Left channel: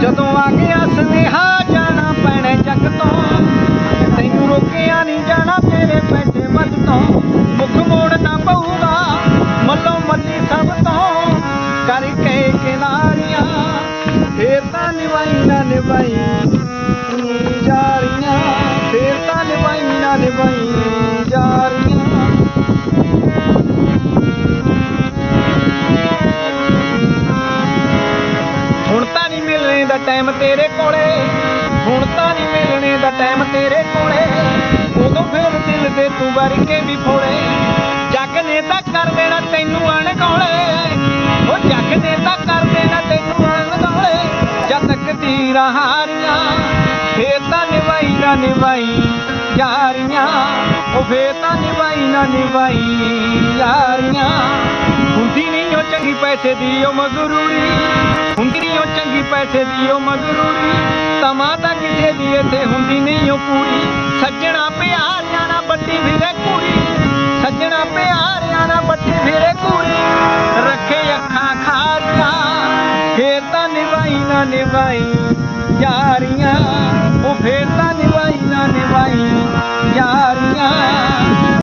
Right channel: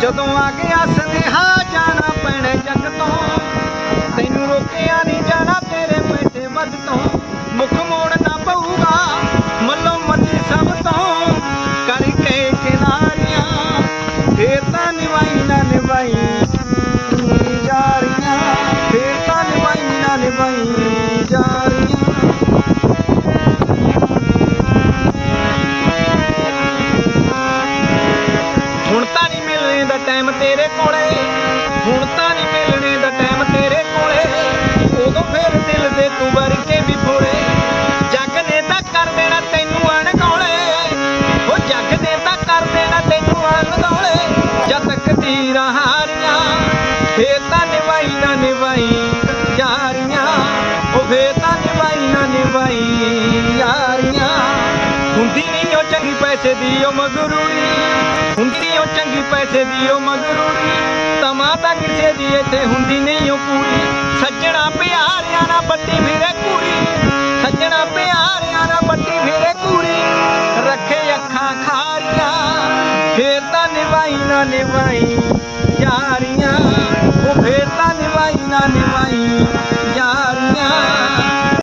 ਜਦੋਂ ਆ ਗਿਆ ਸੁਨੇਹਾ ਜਾਣਾ ਪੈਣਾ ਜੱਗ ਤੋਂ। ਤੈਨੂੰ ਰੋਕਿਆ ਨਹੀਂ ਜਾਣਾ ਤੇਰੇ ਪੈਸੇ ਵੱਧ ਤੋਂ। ਮੁਖ ਮੋੜਨਾ ਪਊਗਾ ਮੱਲੋ ਮੱਲੀ ਸਭ ਤੋਂ। ਕਰਕੇ ਖਿਲਾਰੀਆਂ ਫੇਰ ਤਾਂ ਨਿਵਾਈ ਨਾ ਨਿਵਾਈ। ਮਿਲਣੇ ਦਾ ਟਾਈਮ ਤੇਰੇ ਕੋਲੇ। ਹੁਣ ਤਾਂ ਨਹੀਂ ਮਿਲਣੇ ਦਾ ਟਾਈਮ ਤੇਰੇ ਕੋਲੇ। ਉਦੋਂ ਫੇਰ ਦਿਲ ਦੇ ਤੂੰ ਵਰ ਕੇ ਵੀ ਫੋੜੇ ਜੱਗ ਨੇ ਤਾਂ ਕਰ ਦੇਣਾ ਤੈਨੂੰ ਅਣਗੌਲੇ। ਉਹ ਜੱਗ ਨੇ ਤਾਂ ਕਰ ਦੇਣਾ ਤੈਨੂੰ ਅਣਗੌਲੇ। ਜਦ ਤੱਕ ਤੀਰਾਂ ਹਾਰੀਆਂ, ਫੇਰ ਤਾਂ ਨਿਭਾਈ ਨਾ ਨਿਵਾਈ ਯਾਰੀਆਂ। ਉਹ ਫੇਰ ਤਾਂ ਨਿਭਾਈ ਨਾ ਨਿਵਾਈ ਯਾਰੀਆਂ। ਹੁੰਦੀ ਨਹੀਂ ਉਹ ਚੰਗੀ ਪੈਸੇ ਦੀ ਉਹ ਮਗਰੂਰੀ ਹੁੰਦੀ ਨਹੀਂ ਚੰਗੀ ਪੈਸੇ ਦੀ ਉਹ ਮਗਰੂਰੀ ਤਮਾ ਤਾਂ ਕਿਸੇ ਦੀ ਇੱਥੇ ਹੁੰਦੀ ਨਹੀਂ ਉਹ ਪੂਰੀ। ਸੱਜਣਾ ਪਿਆਰਿਆਂ ਨਾਲ ਵੱਡੀ ਫਿਰੇ ਕੂਰੀ ਸੱਜਣਾ ਪਿਆਰਿਆਂ ਨਾਲ ਵੱਡੀ ਫਿਰੇ ਕੂਰੀ ਰੱਖੇ ਅੱਖਾਂ ਖਾਰੀਆਂ, ਫੇਰ ਤਾਂ ਨਿਭਾਈ ਨਾ ਨਿਭਾਈ ਯਾਰੀਆਂ। ਉਹ ਫੇਰ ਤਾਂ ਨਿਭਾਈ ਨਾ ਨਿਭਾਈ ਯਾਰੀਆਂ।